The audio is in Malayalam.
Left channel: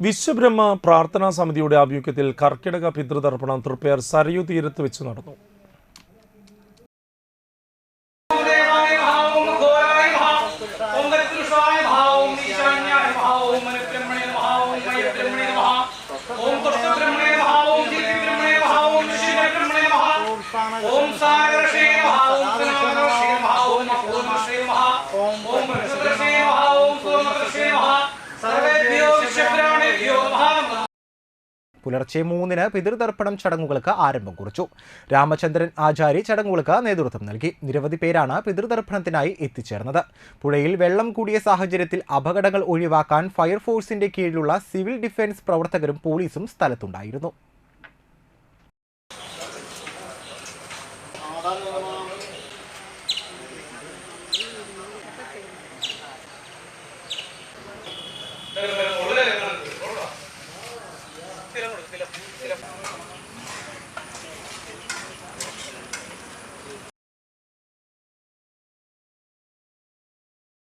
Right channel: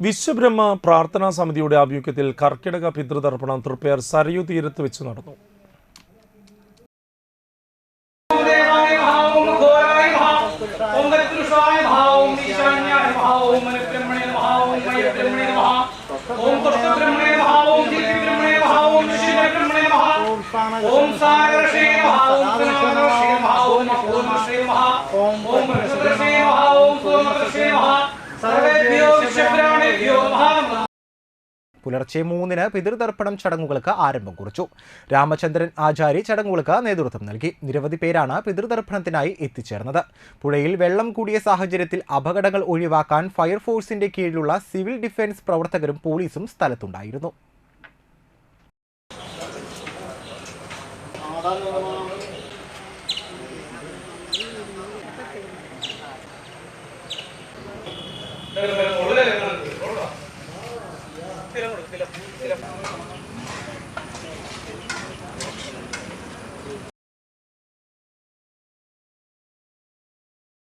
വിശ്വബ്രഹ്മ പ്രാർത്ഥനാ സമിതിയുടെ ആഭിമുഖ്യത്തിൽ കർക്കിടക പിതൃതർപ്പണം തൃപ്പേർ സരയു തീരത്ത് വെച്ച് നടന്നു ഓം സാരക്ഷേ ഓം ഓം ഓം ഓം ഓം പുലർച്ചെ മൂന്നിന് പിതൃതർപ്പണം ചടങ്ങുകൾക്ക് ആരംഭം കുറിച്ചു. രാമചന്ദ്രൻ ആചാരി ചടങ്ങുകൾക്ക് നേതൃത്വം നൽകി. നിരവധി പേരാണ് പിതൃതർപ്പണത്തിനായി എത്തിച്ചേർന്നത്. പുഴയിൽ വെള്ളം കൂടിയ സാഹചര്യത്തിൽ അപകടങ്ങൾ ഒഴിവാക്കാൻ ഫയർഫോഴ്സിന്റെ കീഴിലുള്ള സിവിൽ ഡിഫൻസ് പ്രവർത്തകരും പോലീസും സ്ഥലത്തുണ്ടായിരുന്നു. de la, de la